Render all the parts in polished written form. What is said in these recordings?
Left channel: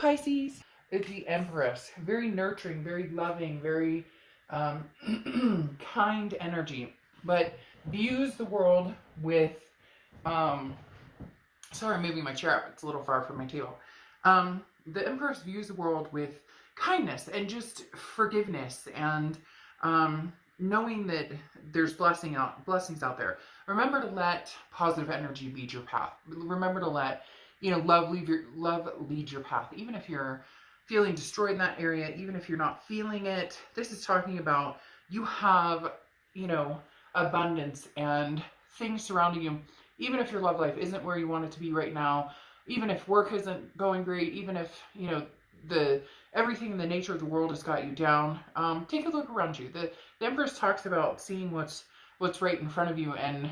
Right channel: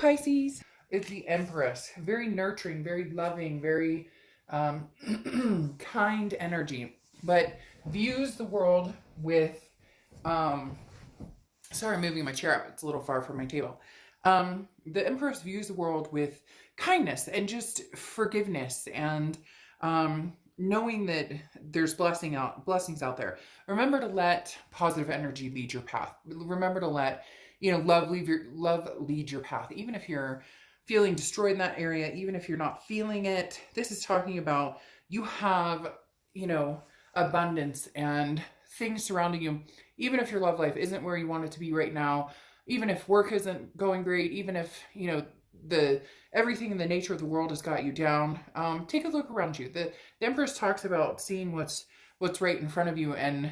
Pisces is the Empress. Very nurturing, very loving, very kind energy, but views the world with. Um, Sorry, I'm moving my chair up. It's a little far from my table. The Empress views the world with kindness and just forgiveness and knowing that there's blessings out there. Remember to let positive energy lead your path. Remember to let love lead your path, even if you're feeling destroyed in that area, even if you're not feeling it. This is talking about you have abundance and things surrounding you, even if your love life isn't where you want it to be right now, even if work isn't going great, even if the everything in the nature of the world has got you down. Take a look around you. The Empress talks about seeing what's right in front of you and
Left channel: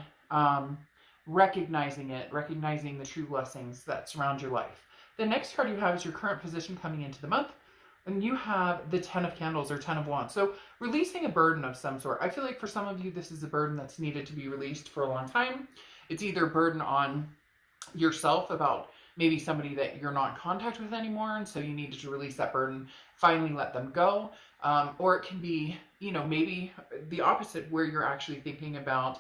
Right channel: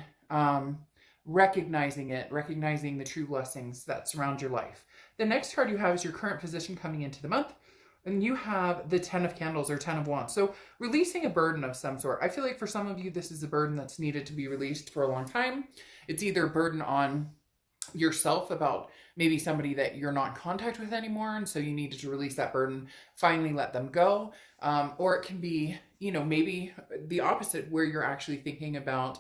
recognizing the true blessings that surround your life. The next card you have is your current position coming into the month. And you have the 10 of Candles or 10 of Wands. So releasing a burden of some sort. I feel like for some of you, this is a burden that's needed to be released for a long time. It's either a burden on yourself about maybe somebody that you're not in contact with anymore, and so you needed to release that burden, finally let them go. Or it can be, maybe the opposite, where you're actually thinking about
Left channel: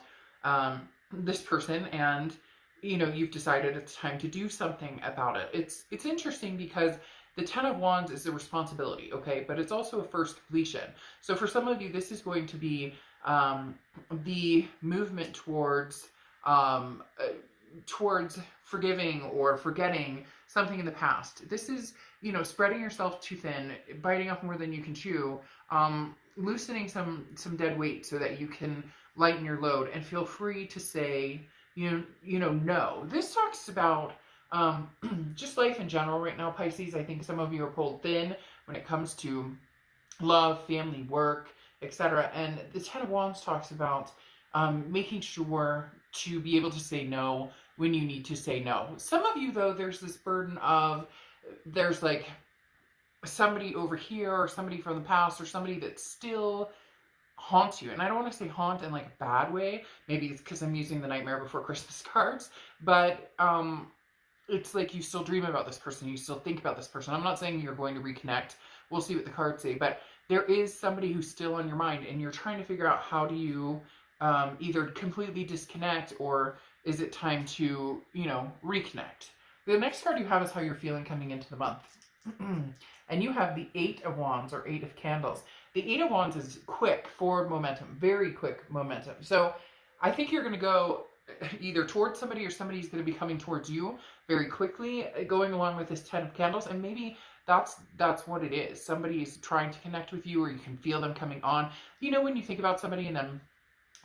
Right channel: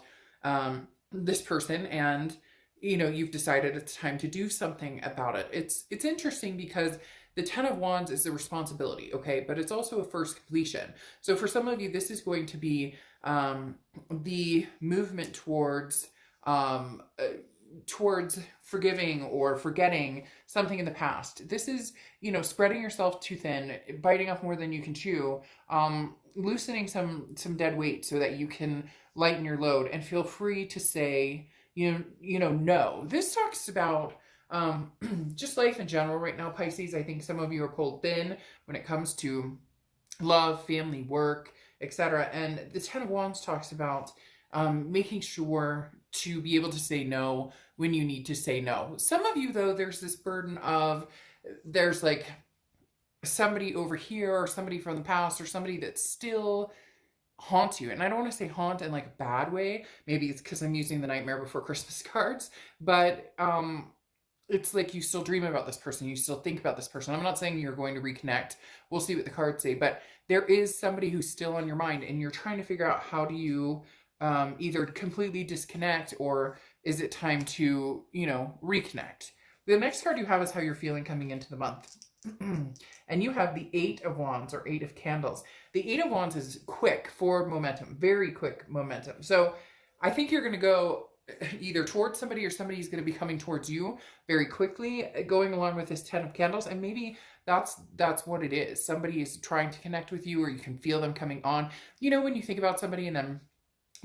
this person and, you've decided it's time to do something about it. It's interesting because the 10 of Wands is a responsibility, okay? But it's also a first completion. So for some of you, this is going to be the movement towards forgiving or forgetting something in the past. This is, spreading yourself too thin, biting off more than you can chew, loosening some dead weight so that you can lighten your load and feel free to say, no. This talks about just life in general right now, Pisces. I think some of you are pulled thin when it comes to love, family, work, etc. And the 10 of Wands talks about making sure to be able to say no when you need to say no. Some of you, though, there's this burden of there's like somebody over here or somebody from the past or somebody that still haunts you. And I don't want to say haunt in like a bad way. Maybe it's because I'm using the Nightmare Before Christmas cards, but it's like you still dream about this person, you still think about this person. I'm not saying you're going to reconnect. We'll see what the cards say, but there is somebody who's still on your mind and you're trying to figure out how do you either completely disconnect or is it time to, reconnect. The next card you have is how you're feeling coming into the month. And you have the 8 of Wands or 8 of Candles. The 8 of Wands is quick forward momentum, very quick momentum. So I think you're going to go either towards somebody or somebody's going to be coming towards you very quickly, going along with this 10 of Candles. And maybe that's what it is. Somebody is trying to connect with you, or you can feel them coming on. When you think about somebody and then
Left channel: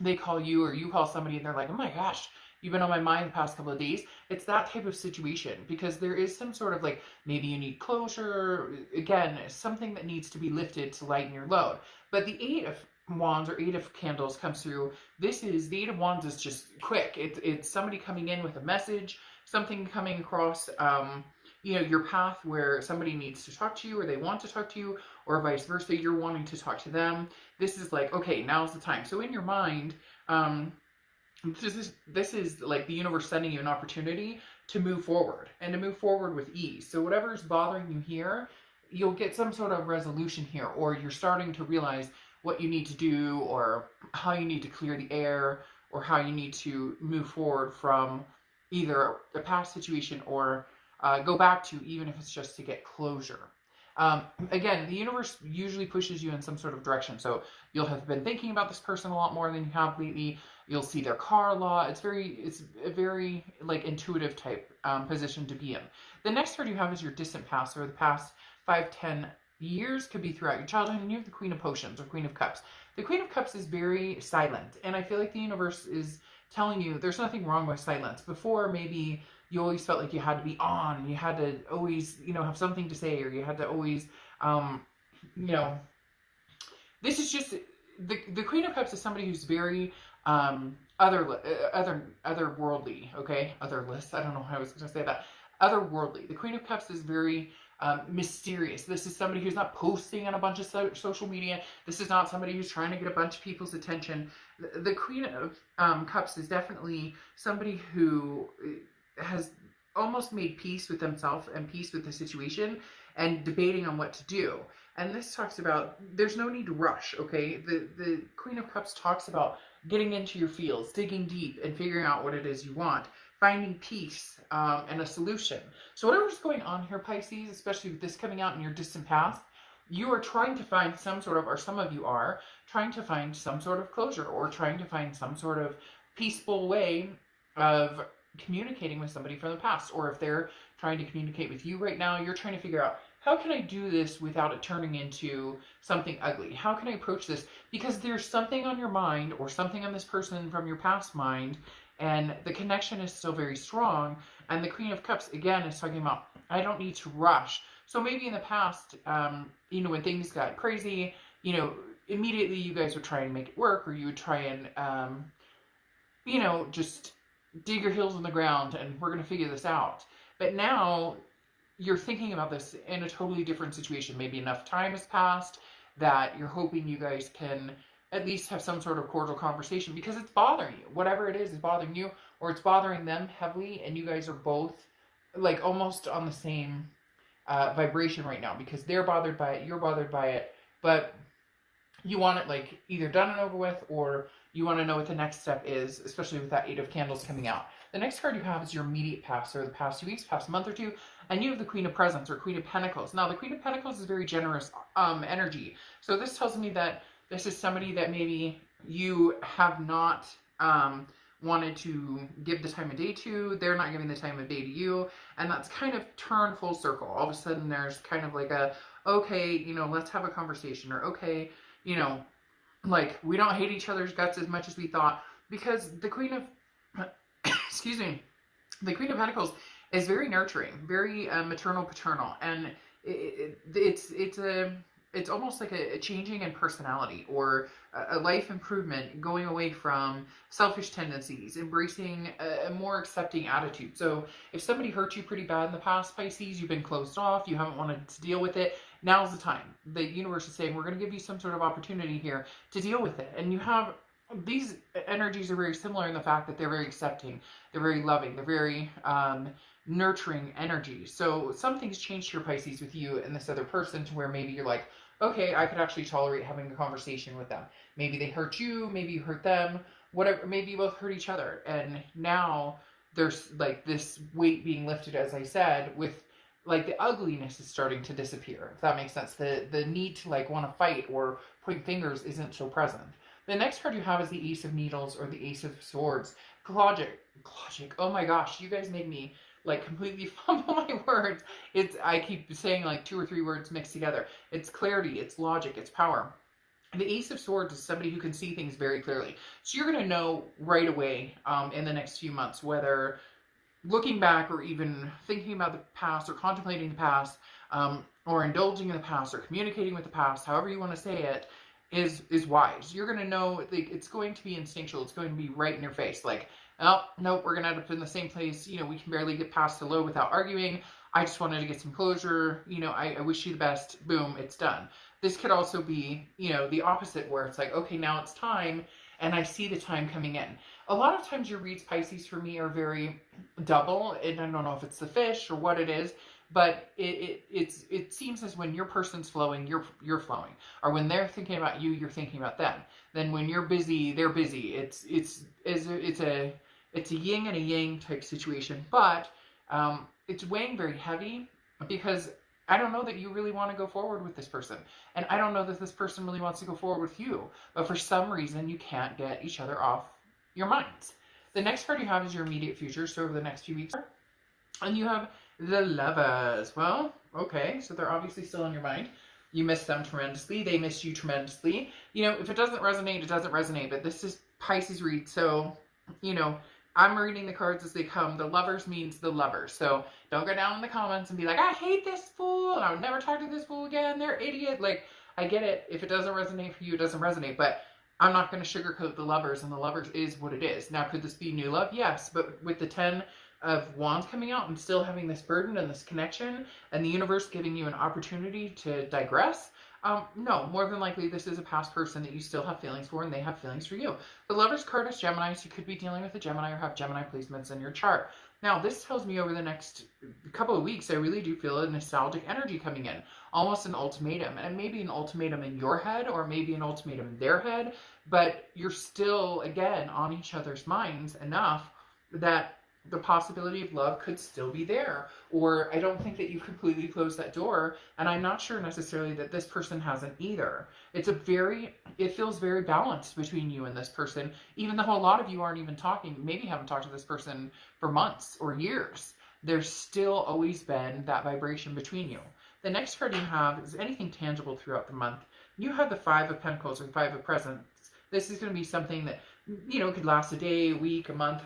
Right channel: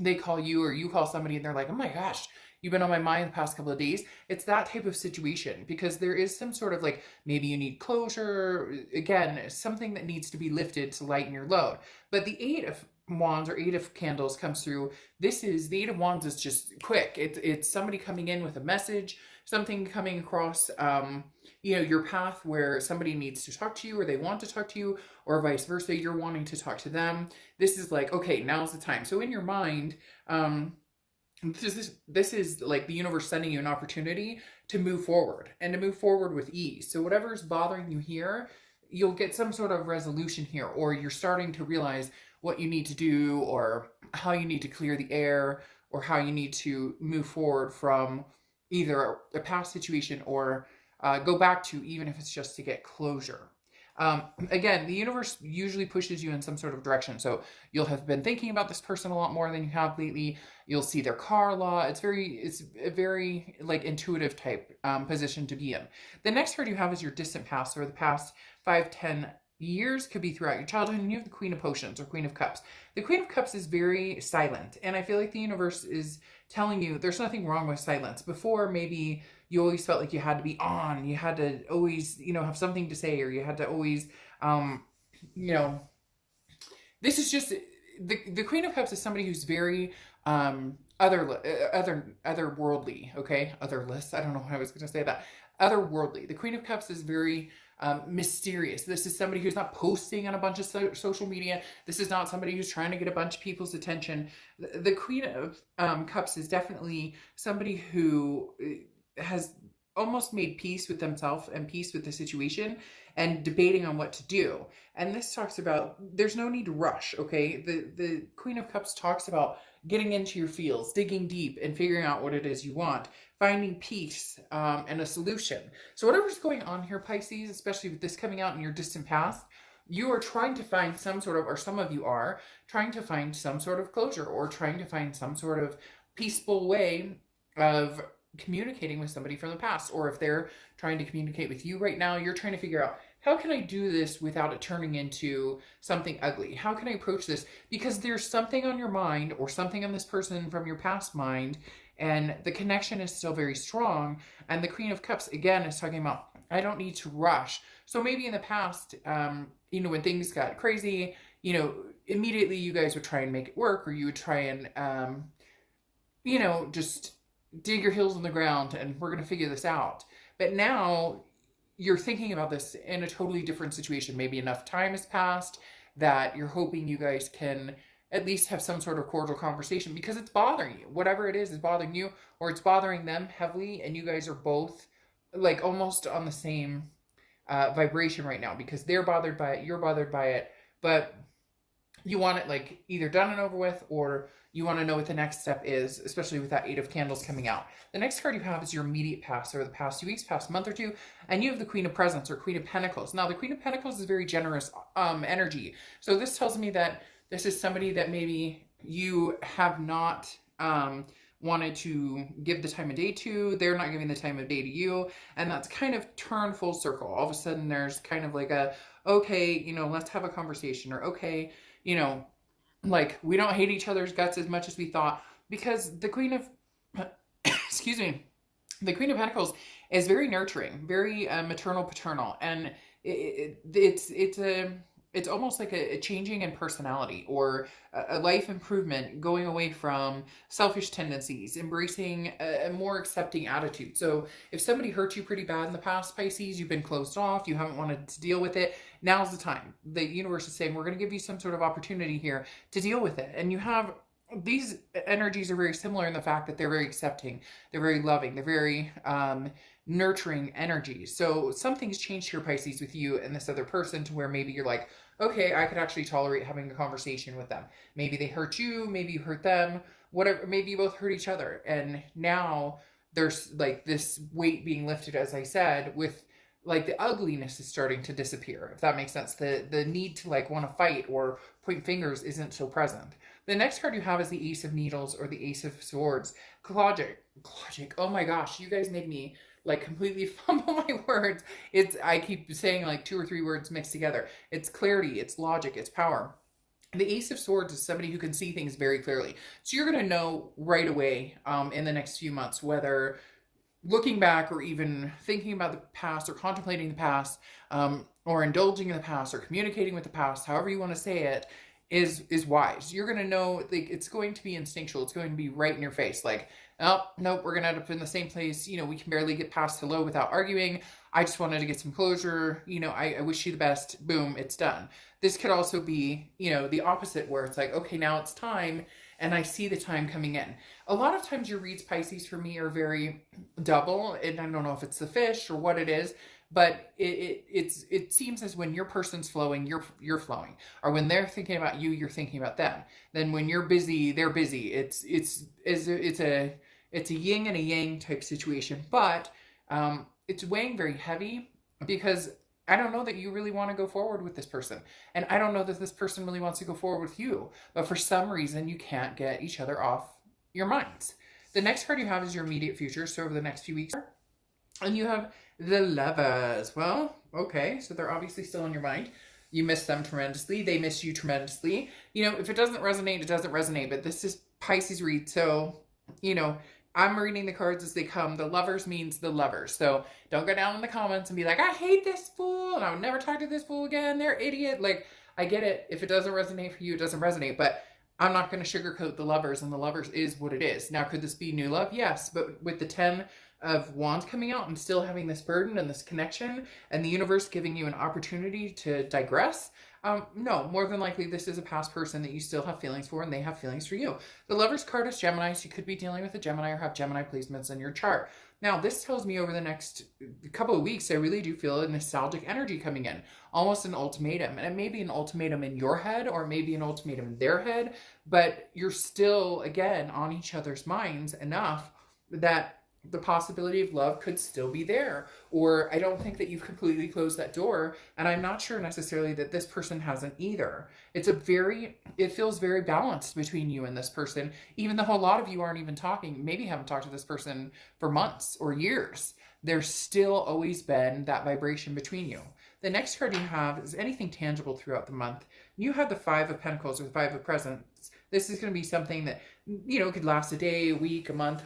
they call you or you call somebody and they're like, oh my gosh, you've been on my mind the past couple of days. It's that type of situation because there is some sort of like, maybe you need closure. Again, something that needs to be lifted to lighten your load. But the 8 of Wands or 8 of Candles comes through. The 8 of Wands is just quick. It's somebody coming in with a message, something coming across your path where somebody needs to talk to you or they want to talk to you, or vice versa, you're wanting to talk to them. This is like, okay, now's the time. So in your mind, this is like the universe sending you an opportunity to move forward and to move forward with ease. So whatever's bothering you here, you'll get some sort of resolution here, or you're starting to realize what you need to do or how you need to clear the air or how you need to move forward from either a past situation or go back to, even if it's just to get closure. Again, the universe usually pushes you in some sort of direction. So you'll have been thinking about this person a lot more than you have lately. You'll see their car a lot. It's a very like intuitive type position to be in. The next card you have is your distant past, or the past 5-10 years, could be throughout your childhood. And you have the Queen of Potions or Queen of Cups. The Queen of Cups is very silent, and I feel like the universe is telling you there's nothing wrong with silence. Before, maybe you always felt like you had to be on, you had to always, have something to say, or you had to always, this is just, the Queen of Cups is somebody who's very otherworldly, okay? Otherless, I don't know how I was going to say that. Otherworldly. The Queen of Cups is very mysterious. This is somebody who's not posting on a bunch of social media. This is not somebody who's trying to get a bunch of people's attention. The Queen of Cups is definitely somebody who has almost made peace with themselves and peace with the situation, and debating on what to do. And this talks about there's no need to rush, okay? The Queen of Cups talks about getting into your feels, digging deep, and figuring out what it is you want, finding peace and a solution. So whatever's going on here, Pisces, especially with this coming out in your distant past, you are trying to find some sort of, or some of you are trying to find some sort of closure, or trying to find some sort of peaceful way of communicating with somebody from the past. Or if they're trying to communicate with you right now, you're trying to figure out, how can I do this without it turning into something ugly? How can I approach this? Because there's something on your mind, or something on this person from your past mind, and the connection is still very strong. And the Queen of Cups, again, is talking about, I don't need to rush. So maybe in the past, you know, when things got crazy, you know, immediately you guys would try and make it work, or you would try and, you know, just dig your heels in the ground and we're going to figure this out. But now you're thinking about this in a totally different situation. Maybe enough time has passed that you're hoping you guys can at least have some sort of cordial conversation, because it's bothering you. Whatever it is bothering you, or it's bothering them heavily, and you guys are both like almost on the same vibration right now, because they're bothered by it, you're bothered by it, but you want it like either done and over with, or you want to know what the next step is, especially with that 8 of Candles coming out. The next card you have is your immediate past, or the past 2 weeks, past month or two, and you have the Queen of Presents, or Queen of Pentacles. Now, the Queen of Pentacles is very generous energy. So this tells me that this is somebody that maybe you have not wanted to give the time of day to. They're not giving the time of day to you. And that's kind of turned full circle. All of a sudden, there's kind of like a, okay, you know, let's have a conversation, or okay, you know, like, we don't hate each other's guts as much as we thought. Because the Queen of, excuse me, the Queen of Pentacles is very nurturing, very maternal, paternal. And it's almost like a changing in personality, or a life improvement, going away from selfish tendencies, embracing a more accepting attitude. So if somebody hurt you pretty bad in the past, Pisces, you've been closed off, you haven't wanted to deal with it, now's the time. The universe is saying, we're going to give you some sort of opportunity here to deal with it. And you have, these energies are very similar in the fact that they're very accepting, they're very loving, they're very nurturing energies. So something's changed here, Pisces, with you and this other person, to where maybe you're like, okay, I can actually tolerate having the conversation with them. Maybe they hurt you, maybe you hurt them, whatever, maybe you both hurt each other. And now there's like this weight being lifted, as I said, with like the ugliness is starting to disappear, if that makes sense. The need to like want to fight or point fingers isn't so present. The next card you have is the Ace of Needles, or the Ace of Swords. Logic. Oh my gosh, you guys make me like completely fumble my words. I keep saying like 2 or 3 words mixed together. It's clarity, it's logic, it's power. And the Ace of Swords is somebody who can see things very clearly. So you're going to know right away in the next few months, whether looking back, or even thinking about the past, or contemplating the past, or indulging in the past, or communicating with the past, however you want to say it, is wise. You're going to know, like, it's going to be instinctual. It's going to be right in your face. Like, oh, nope, we're going to end up in the same place. You know, we can barely get past hello without arguing. I just wanted to get some closure. You know, I wish you the best. Boom, it's done. This could also be, you know, the opposite, where it's like, okay, now it's time, and I see the time coming in. A lot of times your reads, Pisces, for me are very double, and I don't know if it's the fish or what it is, but it seems as when your person's flowing, you're flowing, or when they're thinking about you, you're thinking about them. Then when you're busy, they're busy. It's a yin and a yang type situation, but it's weighing very heavy, because I don't know that you really want to go forward with this person, and I don't know that this person really wants to go forward with you, but for some reason you can't get each other off your minds. The next card you have is your immediate future, so over the next few weeks, and you have the Lovers. Well, okay, so they're obviously still on your mind. You miss them tremendously. They miss you tremendously. You know, if it doesn't resonate, it doesn't resonate, but this is Pisces read, so, you know, I'm reading the cards as they come. The Lovers means the lovers. So don't go down in the comments and be like, I hate this fool, and I would never talk to this fool again. They're idiot. Like, I get it. If it doesn't resonate for you, it doesn't resonate. But I'm not going to sugarcoat the Lovers, and the Lovers is what it is. Now, could this be new love? Yes. But with the 10 of Wands coming out and still having this burden and this connection, and the universe giving you an opportunity to digress, no, more than likely this is a past person that you still have feelings for, and they have feelings for you. The Lovers card is Gemini, so you could be dealing with a Gemini or have Gemini placements in your chart. Now, this tells me over the next couple of weeks, I really do feel a nostalgic energy coming in, almost an ultimatum. And it may be an ultimatum in your head or maybe an ultimatum in their head, but you're still, again, on each other's minds enough that the possibility of love could still be there. Or I don't think that you've completely closed that door. And I'm not sure necessarily that this person hasn't either. It feels very balanced between you and this person, even though a lot of you aren't even talking, maybe haven't talked to this person for months or years. There's still always been that vibration between you. The next card you have is anything tangible throughout the month. You have the Five of Pentacles or the Five of Presents. This is going to be something that, could last a day, a week, a month,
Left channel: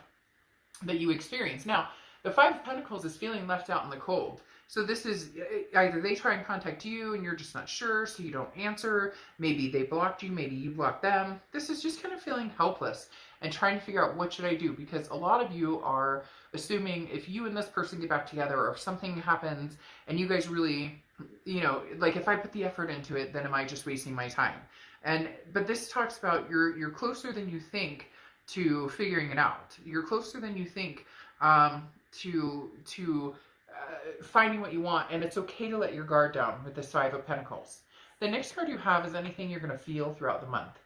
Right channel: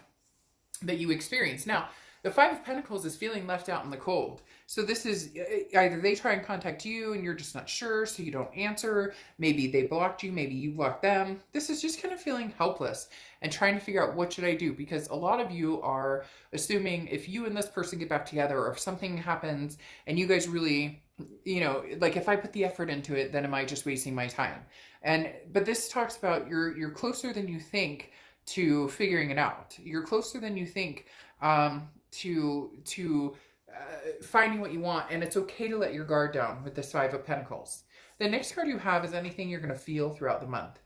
that you experience. Now, the Five of Pentacles is feeling left out in the cold. So this is either they try and contact you and you're just not sure, so you don't answer. Maybe they blocked you, maybe you blocked them. This is just kind of feeling helpless and trying to figure out what should I do, because a lot of you are assuming if you and this person get back together or if something happens and you guys really, like if I put the effort into it, then am I just wasting my time? But this talks about you're closer than you think to figuring it out. You're closer than you think to finding what you want, and it's okay to let your guard down with this Five of Pentacles. The next card you have is anything you're going to feel throughout the month.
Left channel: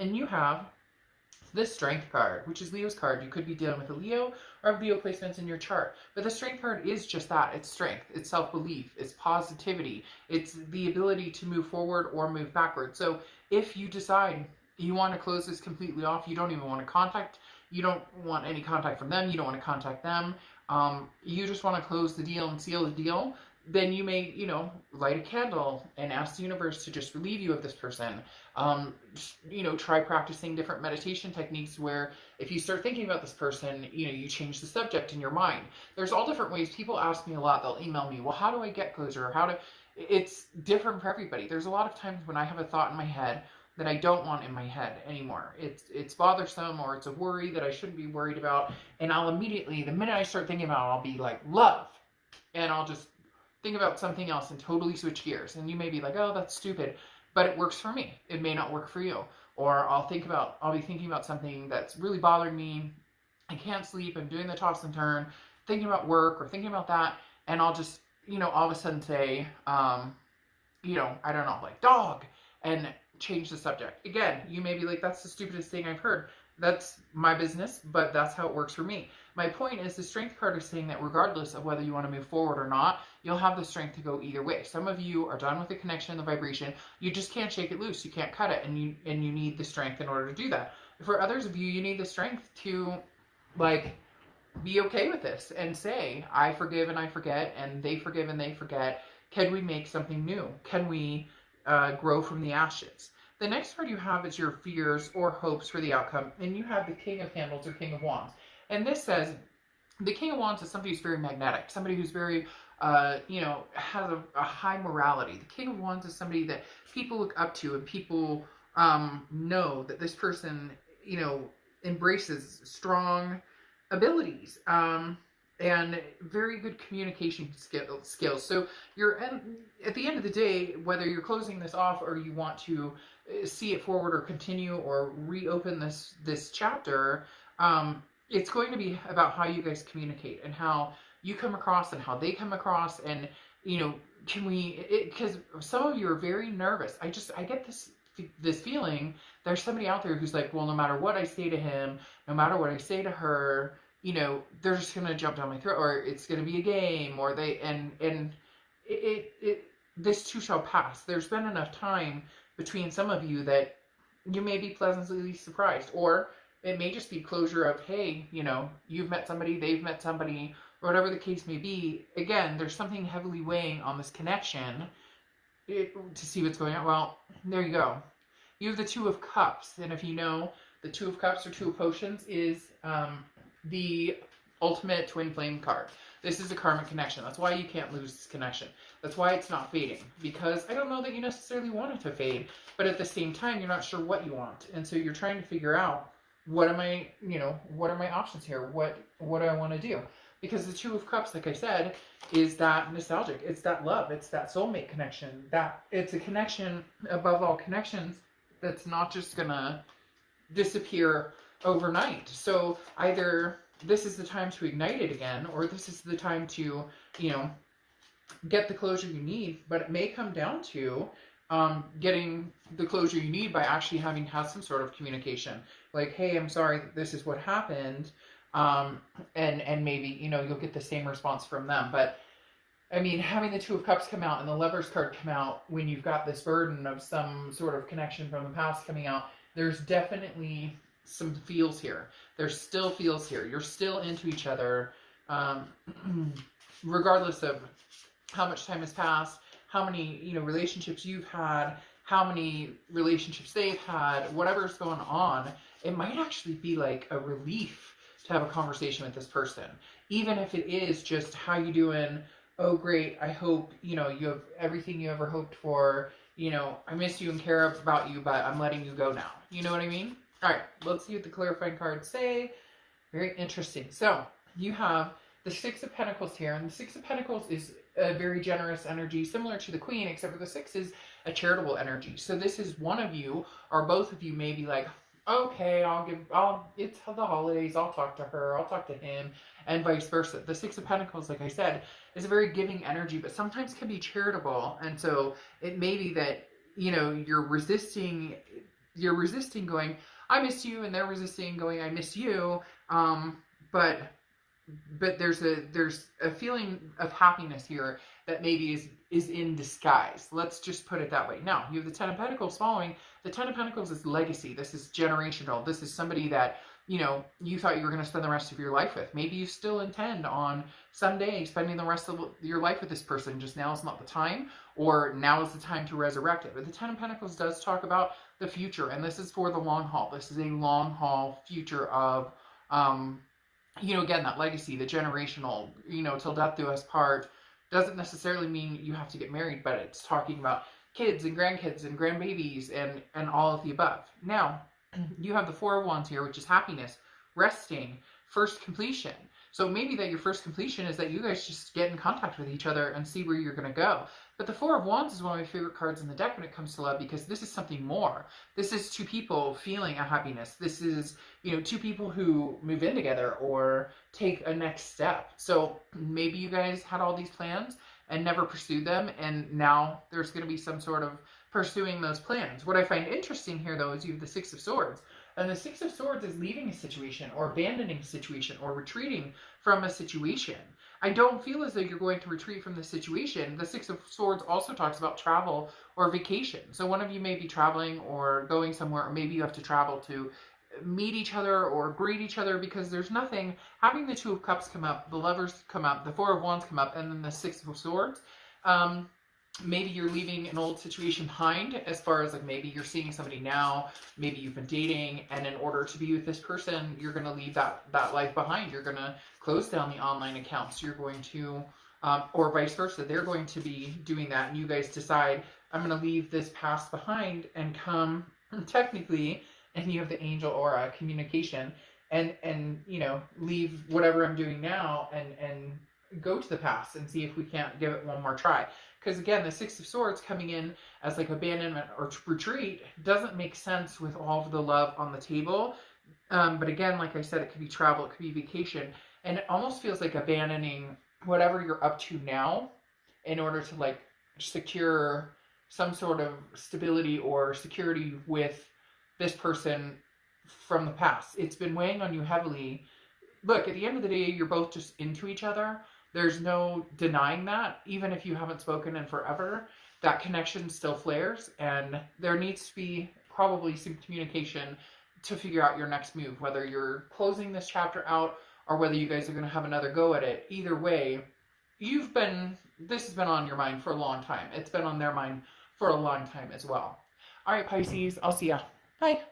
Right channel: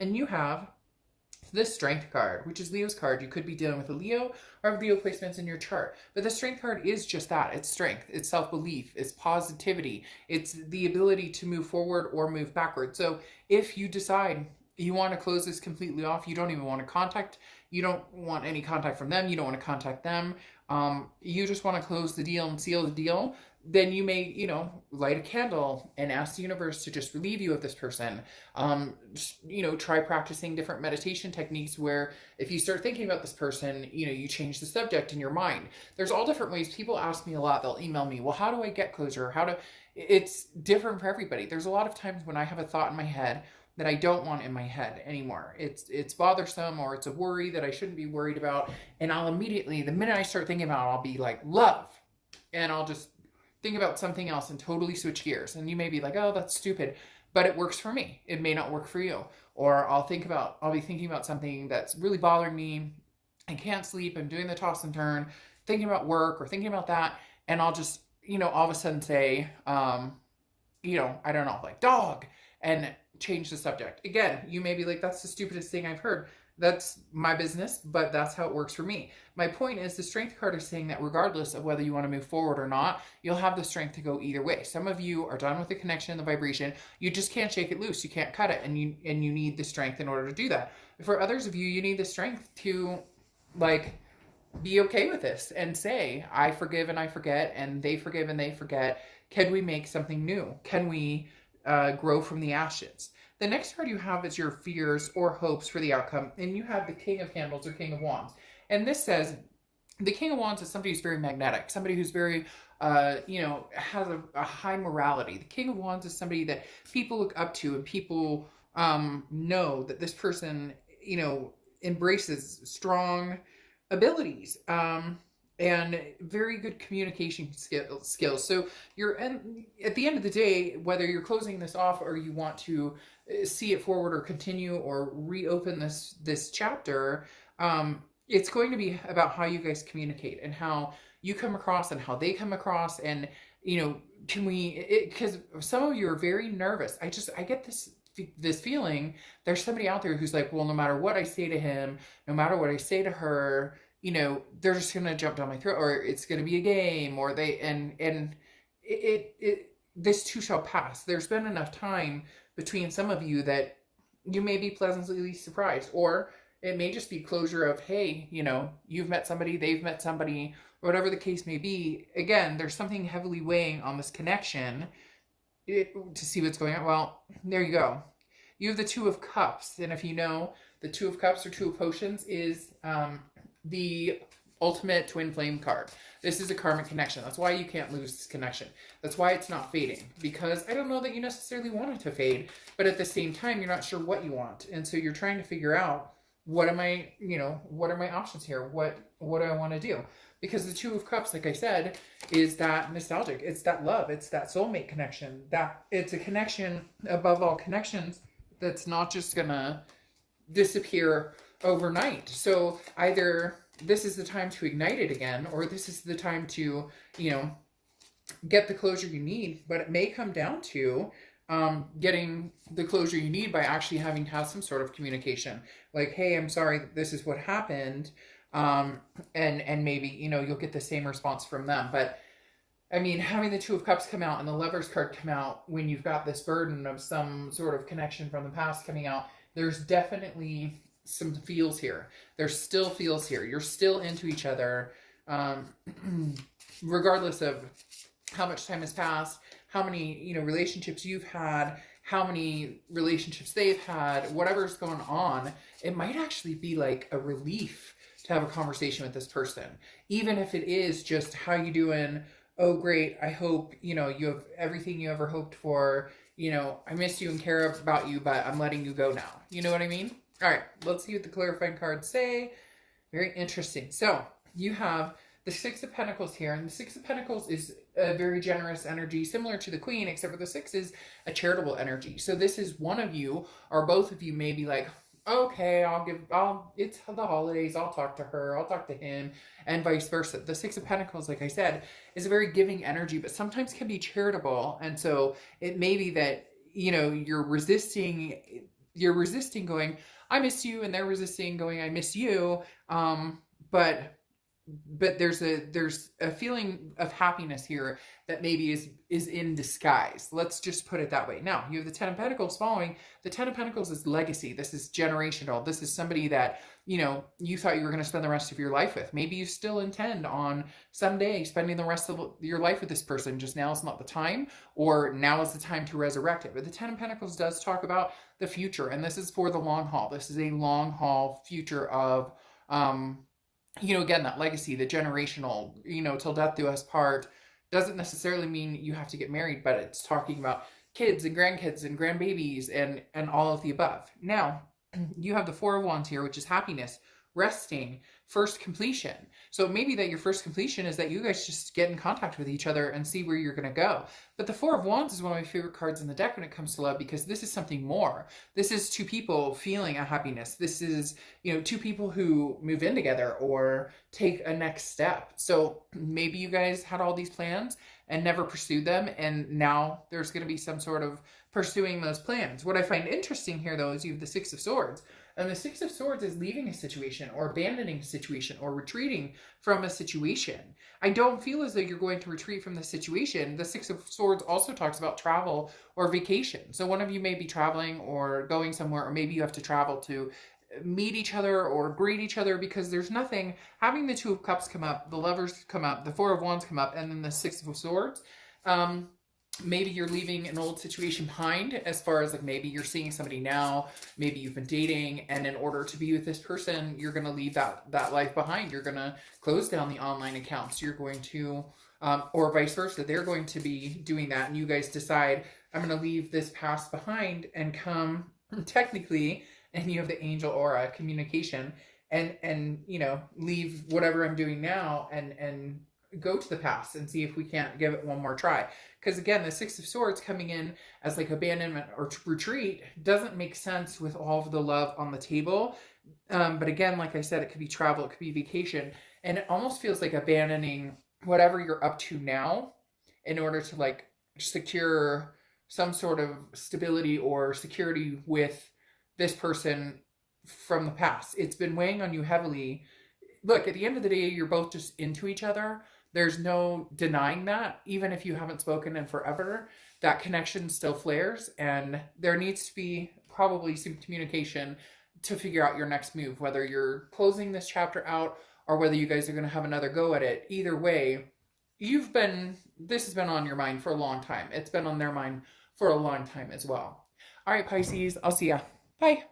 And you have this Strength card, which is Leo's card. You could be dealing with a Leo or have Leo placements in your chart. But the Strength card is just that. It's strength. It's self-belief. It's positivity. It's the ability to move forward or move backward. So if you decide you want to close this completely off, you don't even want to contact, you don't want any contact from them, you don't want to contact them, you just want to close the deal and seal the deal, then you may, light a candle and ask the universe to just relieve you of this person. Try practicing different meditation techniques where if you start thinking about this person, you change the subject in your mind. There's all different ways. People ask me a lot, they'll email me, well, how do I get closure? It's different for everybody. There's a lot of times when I have a thought in my head that I don't want in my head anymore. It's bothersome, or it's a worry that I shouldn't be worried about. And I'll immediately, the minute I start thinking about it, I'll be like, love. And I'll just think about something else and totally switch gears. And you may be like, oh, that's stupid, but it works for me. It may not work for you. Or I'll be thinking about something that's really bothering me. I can't sleep. I'm doing the toss and turn, thinking about work or thinking about that. And I'll just, all of a sudden say, I don't know, like dog, and change the subject. Again, you may be like, that's the stupidest thing I've heard. That's my business, but that's how it works for me. My point is the Strength card is saying that regardless of whether you want to move forward or not, you'll have the strength to go either way. Some of you are done with the connection, the vibration. You just can't shake it loose. You can't cut it, and you need the strength in order to do that. For others of you, you need the strength to be okay with this and say, I forgive and I forget, and they forgive and they forget. Can we make something new? Can we grow from the ashes? The next card you have is your fears or hopes for the outcome, and you have the King of Candles or King of Wands. And this says the King of Wands is somebody who's very magnetic, somebody who's very, has a high morality. The King of Wands is somebody that people look up to, and people know that this person, embraces strong abilities and very good communication skills. So at the end of the day, whether you're closing this off or you want to see it forward or continue or reopen this chapter, it's going to be about how you guys communicate and how you come across and how they come across. And because some of you are very nervous. I get this feeling there's somebody out there who's like, well, no matter what I say to him, no matter what I say to her, they're just going to jump down my throat, or it's going to be a game, or this too shall pass. There's been enough time between some of you that you may be pleasantly surprised, or it may just be closure of, hey, you've met somebody, they've met somebody, or whatever the case may be. Again, there's something heavily weighing on this connection to see what's going on. Well, there you go. You have the Two of Cups, and if you know, the Two of Cups or Two of Potions is the ultimate twin flame card. This is a karmic connection. That's why you can't lose this connection. That's why it's not fading, because I don't know that you necessarily want it to fade, but at the same time, you're not sure what you want. And so you're trying to figure out, what are my options here? What do I want to do? Because the Two of Cups, like I said, is that nostalgic. It's that love. It's that soulmate connection. It's a connection above all connections that's not just gonna disappear overnight. So either this is the time to ignite it again, or this is the time to, you know, get the closure you need. But it may come down to getting the closure you need by actually having to have some sort of communication. Like, hey, I'm sorry, this is what happened. And maybe, you know, you'll get the same response from them. But I mean, having the Two of Cups come out and the Lover's card come out when you've got this burden of some sort of connection from the past coming out, there's definitely some feels here. There's still feels here. You're still into each other, regardless of how much time has passed, how many, you know, relationships you've had, how many relationships they've had, whatever's going on. It might actually be like a relief to have a conversation with this person, even if it is just, how you doing? Oh, great. I hope, you know, you have everything you ever hoped for. You know, I miss you and care about you, but I'm letting you go now. You know what I mean? All right, let's see what the clarifying cards say. Very interesting. So you have the Six of Pentacles here, and the Six of Pentacles is a very generous energy, similar to the Queen, except for the Six is a charitable energy. So this is one of you, or both of you may be like, okay, it's the holidays, I'll talk to her, I'll talk to him, and vice versa. The Six of Pentacles, like I said, is a very giving energy, but sometimes can be charitable. And so it may be that, you know, you're resisting going, I miss you, and they're resisting going, I miss you. But there's a feeling of happiness here that maybe is in disguise. Let's just put it that way. Now, you have the Ten of Pentacles following. The Ten of Pentacles is legacy. This is generational. This is somebody that, you know, you thought you were going to spend the rest of your life with. Maybe you still intend on someday spending the rest of your life with this person. Just now is not the time, or now is the time to resurrect it. But the Ten of Pentacles does talk about the future, and this is for the long haul. This is a long haul future of, you know, again, that legacy, the generational, you know, till death do us part, doesn't necessarily mean you have to get married, but it's talking about kids and grandkids and grandbabies and all of the above. Now, you have the Four of Wands here, which is happiness, resting, first completion. So maybe that your first completion is that you guys just get in contact with each other and see where you're going to go. But the Four of Wands is one of my favorite cards in the deck when it comes to love, because this is something more. This is two people feeling a happiness. This is, you know, two people who move in together or take a next step. So maybe you guys had all these plans and never pursued them, and now there's going to be some sort of pursuing those plans. What I find interesting here, though, is you have the Six of Swords. And the Six of Swords is leaving a situation, or abandoning a situation, or retreating from a situation. I don't feel as though you're going to retreat from the situation. The Six of Swords also talks about travel or vacation. So one of you may be traveling or going somewhere, or maybe you have to travel to meet each other or greet each other, because there's nothing, having the Two of Cups come up, the Lovers come up, the Four of Wands come up, and then the Six of Swords. Maybe you're leaving an old situation behind, as far as like maybe you're seeing somebody now, maybe you've been dating, and in order to be with this person, you're going to leave that life behind. You're going to close down the online accounts. You're going to, or vice versa, they're going to be doing that, and you guys decide, I'm going to leave this past behind and come technically, and you have the angel aura, communication, and you know, leave whatever I'm doing now and go to the past and see if we can't give it one more try. Because again, the Six of Swords coming in as like abandonment or retreat doesn't make sense with all of the love on the table. But again, like I said, it could be travel, it could be vacation, and it almost feels like abandoning whatever you're up to now in order to like secure some sort of stability or security with this person from the past. It's been weighing on you heavily. Look, at the end of the day, you're both just into each other. There's no denying that. Even if you haven't spoken in forever, that connection still flares, and there needs to be probably some communication to figure out your next move, whether you're closing this chapter out or whether you guys are going to have another go at it. Either way, this has been on your mind for a long time. It's been on their mind for a long time as well. All right, Pisces, I'll see ya. Bye.